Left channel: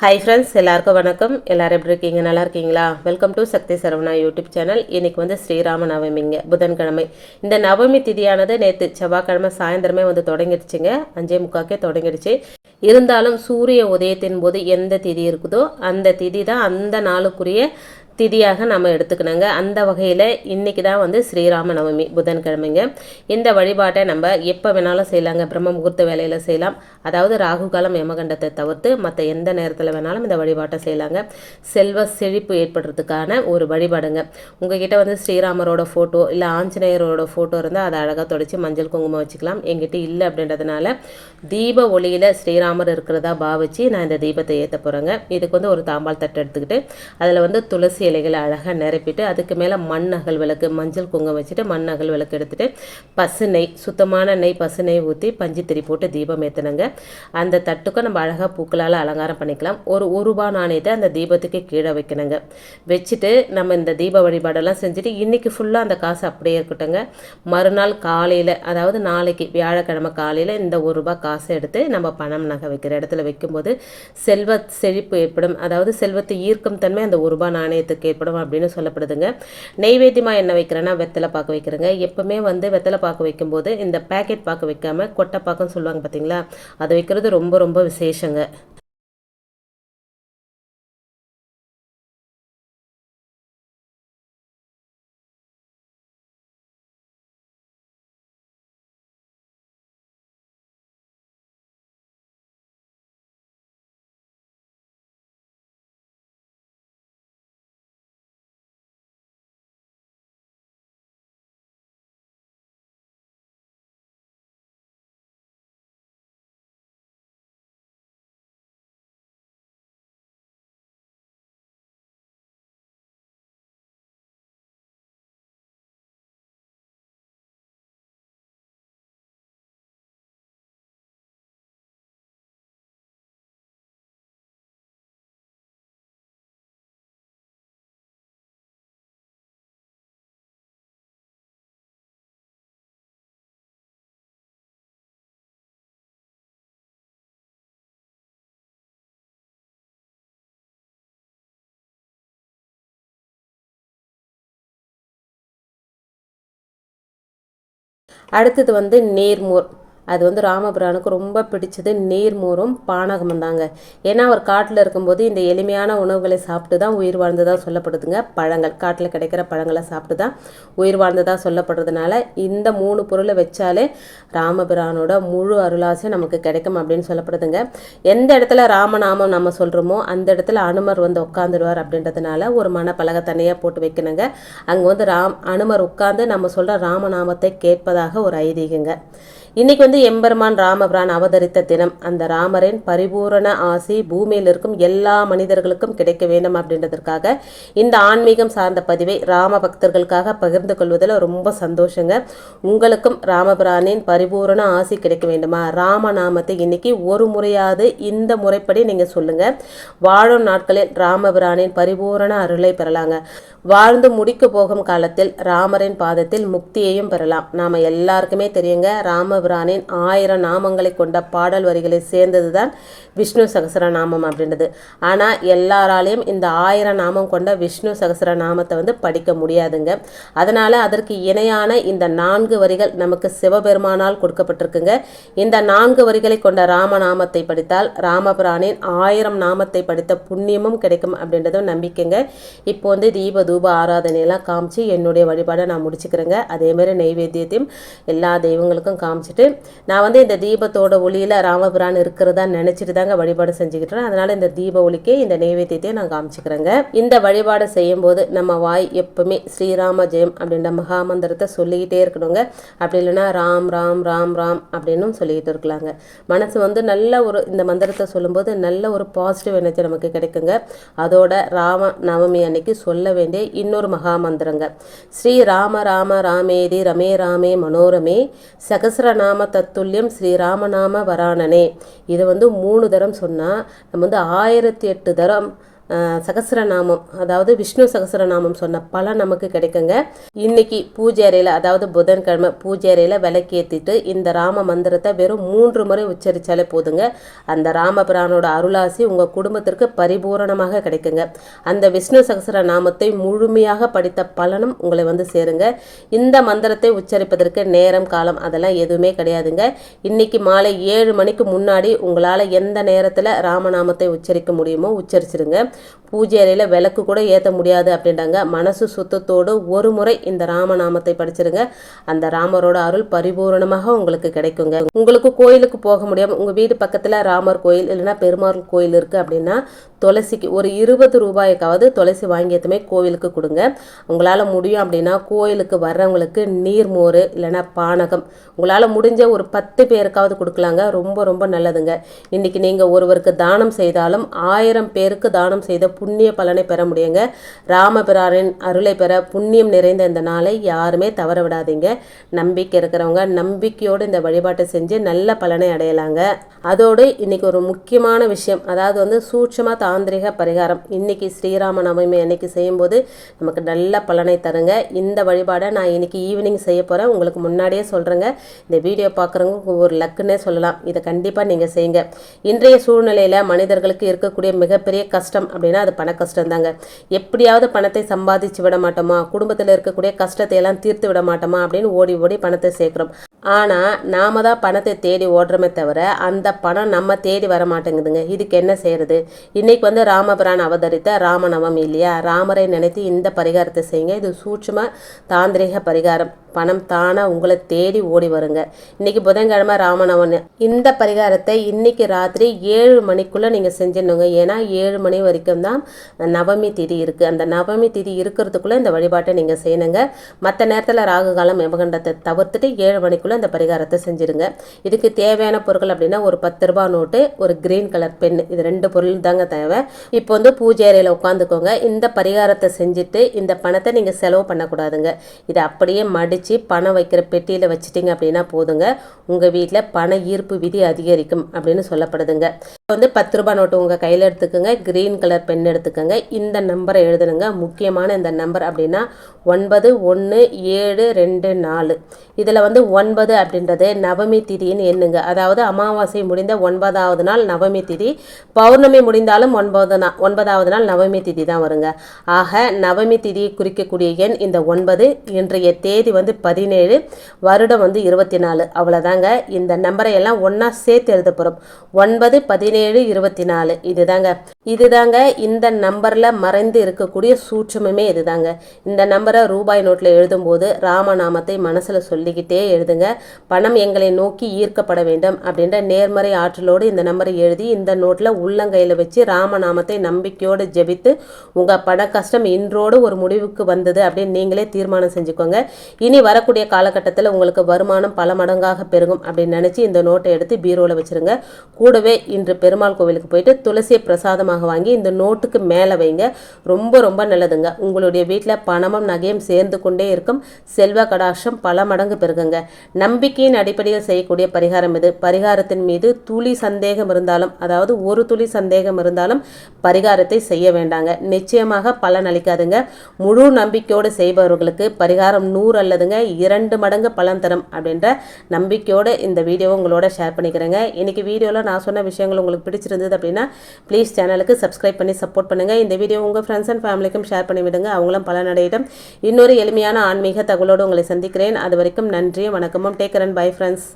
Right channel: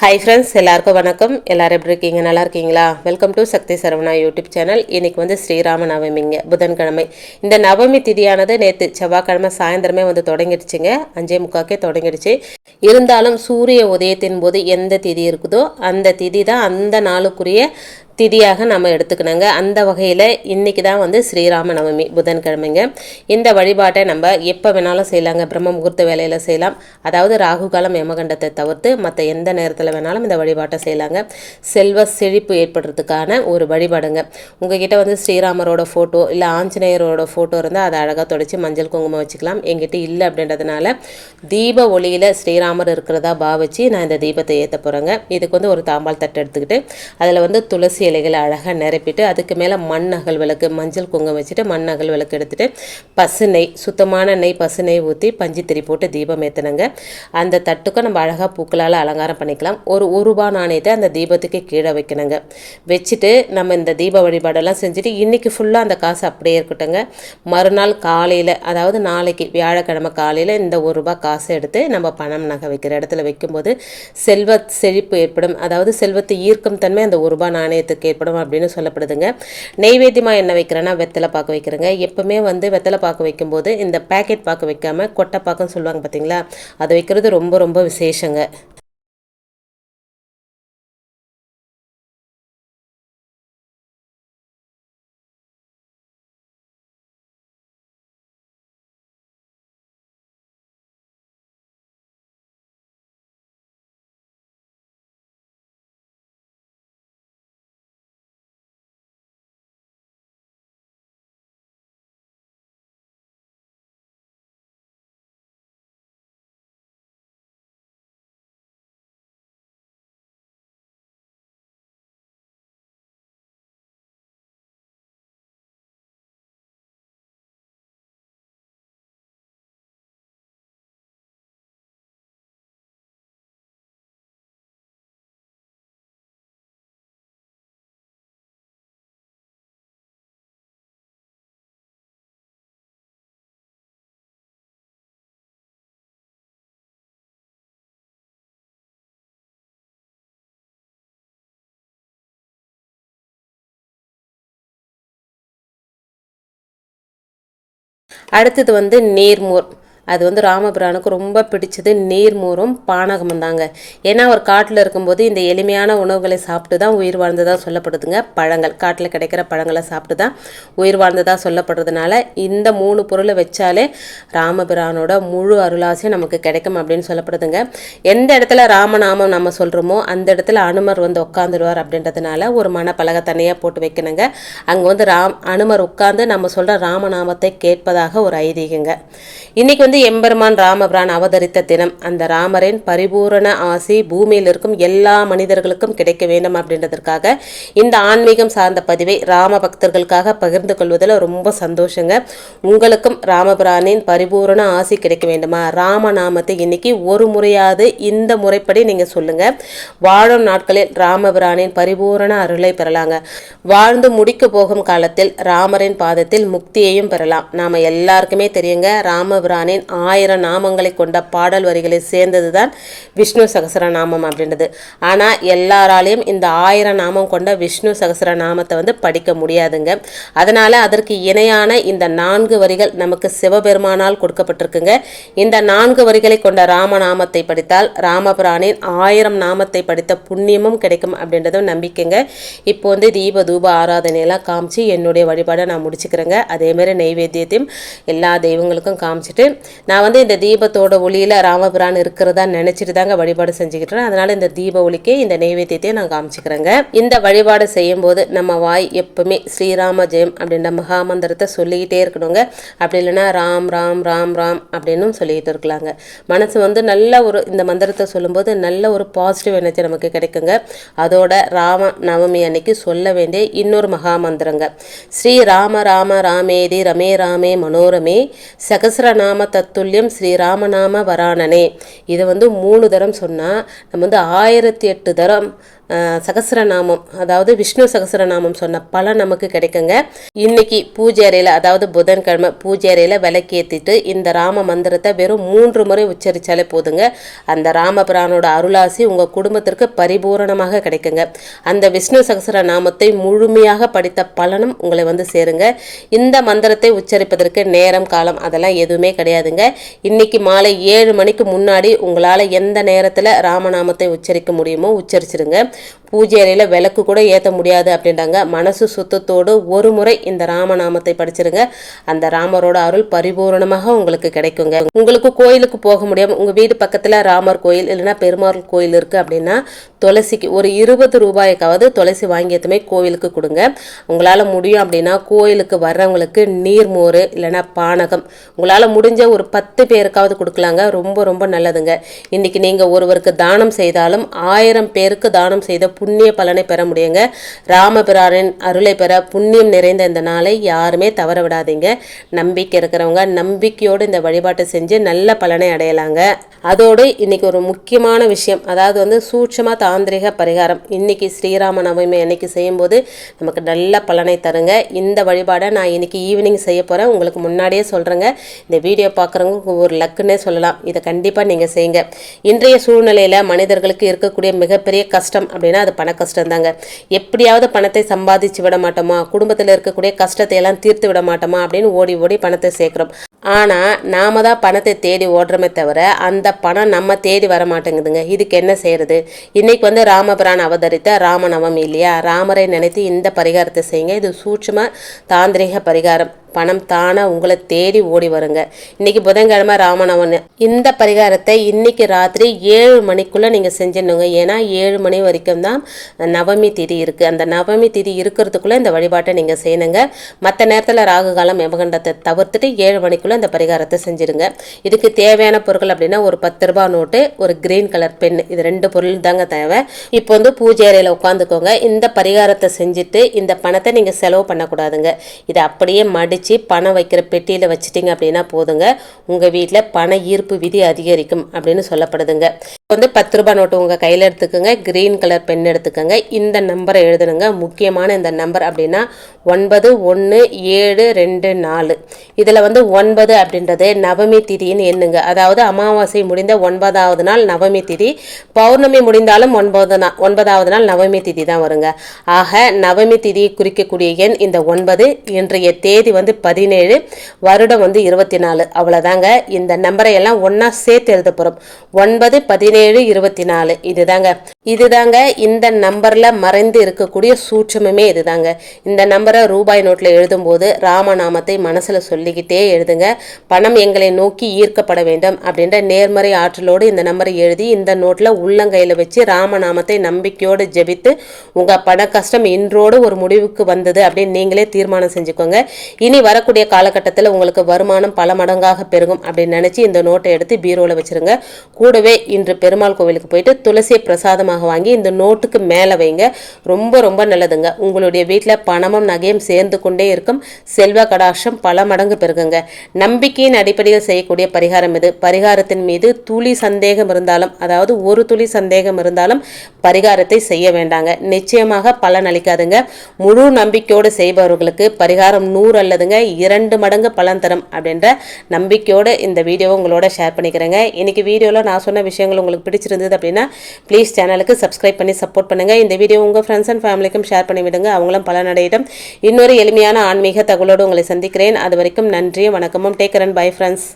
Hi friends எல்லாருக்கும் வணக்கம். எல்லாரும் எப்படி இருக்கீங்க? நல்லா இருக்கீங்களா? Welcome to Shakthi Saravana YouTube channel இன்றைக்கி வந்து ஸ்ரீராம நவமிங்க புதன்கிழமை. இந்த நவமி திதியானது நேற்று செவ்வாய்க்கிழமை சாயந்தரமே வந்து தொடங்கிடுச்சுங்க. அஞ்சே முக்காக்கே தொடங்கிடுச்சு. இருந்தாலும் சூரிய உதயத்தின் போது எந்த திதி இருக்குதோ அந்த திதி தான் அந்த நாளுக்குரிய திதியாக நம்ம எடுத்துக்கணுங்க. அந்த வகையில் இன்றைக்கி தான் வந்து ஸ்ரீராம நவமி புதன்கிழமைங்க. இந்த வழிபாட்டை நம்ம எப்போ வேணாலும் செய்யலாங்க. பிரம்ம முகூர்த்த வேலையில் செய்யலாம். அதாவது ராகு காலம் யமகண்டத்தை தவிர்த்து மற்ற எந்த நேரத்தில் வேணாலும் இந்த வழிபாட்டை செய்யலாங்க. செல்வ செழிப்பு ஏற்படுறதுக்கான ஒரு வழிபாடுங்க. உங்ககிட்ட வந்து ஸ்ரீராமரோட ஃபோட்டோ இல்லை ஆஞ்சநேயரோட ஃபோட்டோ இருந்தால் அதை அழகாக தொடச்சி மஞ்சள் குங்குமம் வச்சுக்கலாம். எங்கிட்ட இல்லை அப்படின்றதுனால தீப ஒளியில் ஸ்ரீராமர் இருக்கிறதா பாவிச்சு நான் இந்த தீபத்தை ஏற்ற போகிறேங்க இதுக்கு வந்து ஒரு தாம்பால் தட்டு எடுத்துக்கிட்டு அதில் வந்து துளசி இலைகளை அழகாக நிரப்பிட்டு அதுக்கு மேலே மண் அகல் விளக்கு மஞ்சள் குங்குமம் வச்சுட்டு மண் அகல் விளக்கு எடுத்துகிட்டு பசு நெய் சுத்தமான நெய் பசு நெய் ஊற்றி பஞ்சு திரி போட்டு தீபம் ஏற்றினுங்க அந்த தட்டுக்கும் நம்ம அழகாக பூக்களால் அலங்காரம் பண்ணிக்கலாம். ஒரு ஒரு ரூபா நாணயத்தை அந்த தீபத்துக்கு கீழே வைக்கணுங்க. வச்சுட்டு நம்ம இந்த தீப வழிபாடெல்லாம் செஞ்சுட்டு இன்றைக்கி ஃபுல்லாக அந்த காசு அப்படியே இருக்கட்டுங்க மறுநாள் காலையில் அதாவது நாளைக்கு வியாழக்கிழமை காலையில் இந்த ஒரு ரூபா காசை எடுத்து நம்ம பணம் நகை வைக்கிற இடத்துல வைக்கும்போது செல்வ செழிப்பு ஏற்படும். அதாவது செல்வத்தை ஈர்க்கும் தன்மை அந்த ஒரு ரூபா நாணயத்துக்கு ஏற்படும் அப்படின்னு சொல்லப்படுதுங்க. நெய்வேத்தியமாக என்ன வைக்கிறேன்னா வெத்தலை பார்க்க வைக்கிறேங்க. எப்போவுமே வந்து வெத்தலை பார்க்க வைக்கும்போது இந்த பேக்கெட் பார்க்க வைக்காம கொட்டை பார்க்கன்னு சொல்லுவாங்க பார்த்தீங்களா அதை வைக்கிறது ரொம்ப ரொம்ப விசேஷங்க. அடுத்தது வந்து நேர்மோர். அது வந்து ராமபிரானுக்கு ரொம்ப பிடிச்சது நீர்மோரும் பானகமும் தாங்க. ஏன்னா அவர் காட்டில் இருக்கும்போது இந்த எளிமையான உணவுகளை சாப்பிட்டு தான் உயிர் வாழ்ந்ததாக சொல்லப்படுதுங்க. பழங்கள் காட்டில் கிடைக்கிற பழங்களை சாப்பிட்டு தான் உயிர் வாழ்ந்ததாக சொல்லப்படுறதுனால இந்த மூணு பொருளை வச்சாலே ராமபிரானோட முழு அருளாசியும் நமக்கு கிடைக்கும் அப்படின்னு சொல்லப்படுதுங்க. எந்த இடத்துல ராமநாமம் நம்ம சொல்கிறோமோ அந்த இடத்துல அனுமர் வந்து உட்காந்துடுவார் அப்படின்றதுனால ஒரு மனப்பலகை தனியாக போட்டு வைக்கணுங்க. அங்கே வந்து ராம் அனுமர் உட்காந்து நம்ம சொல்கிற ராமநாமத்தை கேட்பதாக ஒரு ஐதீகங்க. இன்றைக்கி வந்து எம்பெருமான் ராமபிரான் அவதரித்த தினம் அந்த ராமரின் பரிபூரண ஆசி பூமியில் இருக்கும் எல்லா மனிதர்களுக்கும் கிடைக்க வேண்டும் அப்படின்றதற்காக இந்த ஆன்மீகம் சார்ந்த பதிவை ராம பக்தர்களுக்காக பகிர்ந்து கொள்வதில் ரொம்ப சந்தோஷங்க. உங்களுக்கும் ராமபிரானின் பரிபூரண ஆசி கிடைக்க வேண்டுமா? ராமநாமத்தை இன்னைக்கு ஒரு முறையாவது இந்த முறைப்படி நீங்கள் சொல்லுங்க. வாழும் நாட்களில் ராமபிரானின் பரிபூரண அருளை பெறலாங்க. வாழ்ந்து முடிக்க போகும் காலத்தில் ராமரின் பாதத்தில் முக்தியையும் பெறலாம். நாம எல்லாருக்குமே தெரியுங்க ராமபிரானின் ஆயிரம் நாமங்களை கொண்ட பாடல் வரிகளை சேர்ந்தது தான் விஷ்ணு சகசரநாமம் அப்படின்றது. ஆனால் எல்லாராலையும் இந்த ஆயிரம் நாமம் கொண்ட விஷ்ணு சகசரநாமத்தை வந்து படிக்க முடியாதுங்க. அதனால் அதற்கு இணையான இந்த நான்கு வரிகள் நமக்கு சிவபெருமானால் கொடுக்கப்பட்டிருக்குங்க. இந்த நான்கு வரிகளை கொண்ட ராமநாமத்தை படித்தால் ராமபிரானின் ஆயிரம் நாமத்தை படித்த புண்ணியமும் கிடைக்கும் அப்படின்றதும் நம்பிக்கைங்க. இப்போ வந்து தீப தூப ஆராதனையெல்லாம் காமிச்சு என்னுடைய வழிபாடை நான் முடிச்சுக்கிறேங்க. அதேமாரி நெய்வேத்தியத்தையும் எல்லா தெய்வங்களுக்கும் காமிச்சிட்டு நான் வந்து இந்த தீபத்தோட ஒளியில் ராமபிரான் இருக்கிறதா நினச்சிட்டு தாங்க வழிபாடு செஞ்சுக்கிட்டேன் அதனால் இந்த தீப ஒளிக்கே இந்த நெய்வேத்தியத்தை நான் காமிச்சிக்கிறேங்க. இந்த வழிபாடு செய்யும்போது நம்ம வாய் எப்பவுமே ஸ்ரீராம ஜெயம் அப்படின்ற மகாமந்திரத்தை சொல்லிக்கிட்டே இருக்கணுங்க. அப்படி இல்லைன்னா ராம் ராம் ராம் ராம் அப்படின்னும் சொல்லிக்கிட்டு இருக்கலாங்க. மனசு வந்து நல்ல ஒரு இந்த மந்திரத்தை சொல்லும்போது நல்ல ஒரு பாசிட்டிவ் எனர்ஜி நமக்கு கிடைக்குங்க. அதோட ராம நவமி அன்னைக்கு சொல்ல வேண்டிய இன்னொரு மகாமந்திரங்க. ஸ்ரீ ராம ராம ராமேதி ரமே ராமே மனோரமே சகசிரநாம தத்துல்யம் ஸ்ரீராமநாம வராணனே. இதை வந்து மூணு தரம் சொன்னால் நம்ம வந்து ஆயிரத்தி எட்டு தரம் சகசரநாமம் சகஸ்ரநாமம் அதாவது விஷ்ணு சகசரநாமம் சொன்ன பலன் நமக்கு கிடைக்குங்க. இன்னைக்கு பூஜை அறையில் அதாவது புதன்கிழமை பூஜை அறையில் விளக்கேற்றிட்டு இந்த ராம மந்திரத்தை வெறும் மூன்று முறை உச்சரித்தாலே போதுங்க. அந்த ராமபிரானோட அருளாசி உங்கள் குடும்பத்திற்கு பரிபூரணமாக கிடைக்குங்க. அந்த விஷ்ணு சகஸ்ர நாமத்தை முழுமையாக படித்த பலனும் உங்களை வந்து சேருங்க. இந்த மந்திரத்தை உச்சரிப்பதற்கு நேரம் காலம் அதெல்லாம் எதுவுமே கிடையாதுங்க. இன்னைக்கு மாலை ஏழு மணிக்கு முன்னாடி உங்களால் எந்த நேரத்தில் ராமநாமத்தை உச்சரிக்க முடியுமோ உச்சரிச்சிருங்க. பூஜை அறையில் விளக்கு கூட ஏற்ற முடியாது அப்படின்றாங்க. மனசு சுத்தத்தோடு ஒரு முறை இந்த ராமநாமத்தை படிச்சிருங்க. அந்த ராமரோட அருள் பரிபூரணமாக உங்களுக்கு கிடைக்குங்க. உங்களுக்கு கோயிலுக்கு போக முடியாமல் உங்கள் வீடு பக்கத்தில் ராமர் கோயில் இல்லைன்னா பெருமாள் கோயில் இருக்குது அப்படின்னா துளசிக்கு ஒரு இருபது ரூபாய்க்காவது துளசி வாங்கியதுமே கோவிலுக்கு கொடுங்க. உங்களால் முடியும் அப்படின்னா கோயிலுக்கு வர்றவங்களுக்கு நீர்மோர் இல்லைன்னா பானகம். உங்களால் முடிஞ்ச ஒரு பத்து பேருக்காவது கொடுக்கலாங்க. ரொம்ப ரொம்ப நல்லதுங்க. இன்னைக்கு நீங்கள் ஒருவருக்கு தானம் செய்தாலும் ஆயிரம் பேருக்கு தானம் செய்த புண்ணிய பலனை பெற முடியுங்க. ராமபிரானின் அருளை பெற புண்ணியம் நிறைந்த இந்த நாளை யாருமே தவற விடாதீங்க. நம்பிக்கை இருக்கிறவங்க நம்பிக்கையோடு இந்த வழிபாட்டை செஞ்சு நல்ல பலனை அடையலாங்க. அதோடு இன்னைக்கு ஒரு முக்கியமான விஷயம் அதாவது வந்து சூட்சமா தாந்திரிக பரிகாரம். இன்னைக்கு ஸ்ரீராம நவமி அன்னைக்கு செய்யும்போது நமக்கு நல்ல பலனை தருங்க. இந்த வழிபாடை நான் இன்னைக்கு ஈவினிங் செய்ய போகிறேன் உங்களுக்கு முன்னாடியே சொல்கிறேங்க இந்த வீடியோ பார்க்குறவங்க ஒரு லக்குன்னே சொல்லலாம். இதை கண்டிப்பாக நீங்கள் செய்யுங்க. இன்றைய சூழ்நிலையில் மனிதர்களுக்கு இருக்கக்கூடிய மிகப்பெரிய கஷ்டம் அப்படின்னா அது பண கஷ்டம் தாங்க எப்படியாவது பணத்தை சம்பாதிச்சு விட மாட்டோமா? குடும்பத்தில் இருக்கக்கூடிய கஷ்டத்தை எல்லாம் தீர்த்து விட மாட்டோமா? அப்படின்னு ஓடி ஓடி பணத்தை சேர்க்குறோம். ஆனால் நாம தான் பணத்தை தேடி ஓடுறோமே தவிர அந்த பணம் நம்ம தேடி வர மாட்டேங்குதுங்க. இதுக்கு என்ன செய்கிறது இன்றைக்கி வந்து ராமபிரான் அவதரித்த ராமநவமி இல்லையா? ராமரை நினைத்து இந்த பரிகாரத்தை செய்யுங்க. இது சூட்சமாக தாந்திரிக பரிகாரம். பணம் தானா உங்களை தேடி ஓடி வருங்க. இன்னைக்கு புதன்கிழமை ராமநவன் இந்த பரிகாரத்தை இன்னைக்கு ராத்திரி ஏழு மணிக்குள்ள நீங்க செஞ்சிடணுங்க. ஏன்னா ஏழு மணி வரைக்கும் தான் நவமி திதி இருக்கு. அந்த நவமி திதி இருக்கிறதுக்குள்ள இந்த வழிபாட்டை நீங்க செய்யணுங்க. மற்ற நேரத்தில் ராகு காலம் யமகண்டத்தை தவிர்த்துட்டு ஏழு மணிக்குள்ள இந்த பரிகாரத்தை செஞ்சிருங்க இதுக்கு தேவையான பொருட்கள் அப்படின்னா ஒரு பத்து ரூபாய் நோட்டு ஒரு கிரீன் கலர் பென் இது ரெண்டு பொருள் தாங்க தேவை. இப்போ வந்து பூஜை அறையில் உட்காந்துக்கோங்க. இந்த பரிகாரத்தை செஞ்சுட்டு இந்த பணத்தை நீங்கள் செலவு பண்ணக்கூடாதுங்க. இதை அப்படியே மடித்து வச்சு பணம் வைக்கிற பெட்டியில் வச்சிட்டிங்க அப்படின்னா போதுங்க. உங்கள் வீட்டில் பண ஈர்ப்பு விதி அதிகரிக்கும் அப்படின்னு சொல்லப்படுதுங்க. வந்து பத்து ரூபாய் நோட்டு உங்கள் கையில் எடுத்துக்கோங்க. கிரீன் கலர் பென் எடுத்துக்கோங்க. இந்த நம்பரை எழுதணுங்க முக்கியமான இந்த நம்பர் அப்படின்னா ஒன்பது ஒன்று ஏழு ரெண்டு நாலு. இதில் வந்து ஒன்பது அப்படின்றது நவமி திதின்னு எண்ணுங்க. அதாவது அமாவாசை முடிந்த ஒன்பதாவது நாள் நவமி திதி. பௌர்ணமி முடிந்தாலும் ஒன்பது நாள் ஒன்பதாவது நாள் நவமி திதி தான் வருங்க. ஆக நவமி திதியை குறிக்கக்கூடிய எண் இந்த ஒன்பது. இன்றைய தேதி வந்து பதினேழு. வருடம் வந்து இருபத்தி நாலு. அவ்வளோதாங்க இந்த நம்பரை எல்லாம் ஒன்றா சேர்த்து எழுத போகிறோம் ஒன்பது பதினேழு இருபத்தி நாலு இதுதாங்க. இதுதாங்க. இந்த நம்பரில் மறைந்து இருக்கக்கூடிய சூட்சமுமே இதுதாங்க. இந்த நம்பரை ரூபாய் நோட்டில் எழுதும்போது ராமநாமத்தை மனசில் சொல்லிக்கிட்டே எழுதுங்க. பணம் எங்களை நோக்கி ஈர்க்கப்பட வேண்டும் அப்படின்ற நேர்மறை ஆற்றலோடு இந்த நம்பரை எழுதி இந்த நோட்டில் உள்ளங்கையில் வச்சு ராமநாமத்தை நம்பிக்கையோடு ஜெபித்து உங்கள் பண கஷ்டம் இன்றோடு ஒரு முடிவுக்கு வந்தது அப்படின்னு நீங்களே தீர்மானம் செஞ்சுக்கோங்க. இனி வரக்கூடிய காலகட்டத்தில் உங்களுக்கு வருமானம் பல மடங்காக பெருகும் அப்படின்னு நினச்சி இந்த நோட்டை எடுத்து பீரோவில் வச்சிருங்க. கூடவே இன்று பெருமாள் கோவிலுக்கு போயிட்டு துளசியை பிரசாதமாக வாங்கி இந்த நோட்டுக்கு மேலே வைங்க. ரொம்ப ரொம்ப நல்லதுங்க. உங்களுடைய வீட்டில் பணமும் நகையும் சேர்ந்து கொண்டே இருக்கும். செல்வ கடாட்சம் பல மடங்கு பெருகுங்க. நம்பிக்கையின் அடிப்படையில் செய்யக்கூடிய பரிகாரம் இது. பரிகாரத்தின் மீது துளி சந்தேகம் இருந்தாலும் அதாவது ஒரு துளி சந்தேகம் இருந்தாலும் பரிகாரத்தை செய்ய வேண்டாங்க. நிச்சயமாக பலன் அளிக்காதுங்க. முழு நம்பிக்கையோடு செய்பவர்களுக்கு பரிகாரம் நூறு அல்லதுங்க இரண்டு மடங்கு பலன் தரும் அப்படின்ற நம்பிக்கையோடு இந்த வீடியோவை உங்களோட ஷேர் பண்ணிக்கிறேங்க. இன்னைக்கு வீடியோவில் நான் சொன்ன விஷயங்கள் உங்களுக்கு பிடிச்சிருந்தது அப்படின்னா ப்ளீஸ் சேனலுக்கு சப்ஸ்கிரைப் பண்ணி சப்போர்ட் பண்ணுங்கள் இந்த வீடியோ உங்கள் ஃப்ரெண்ட்ஸ் அண்ட் ஃபேமிலிக்கும் ஷேர் பண்ணி விடுங்க. அவங்களும் பலனடையிடும் இன்னொரு எளிமையான ஆன்மீக தகவலோடு உங்களை சந்திக்கிறேன். அது வரைக்கும் நன்றி வணக்கமும். Take and bye friends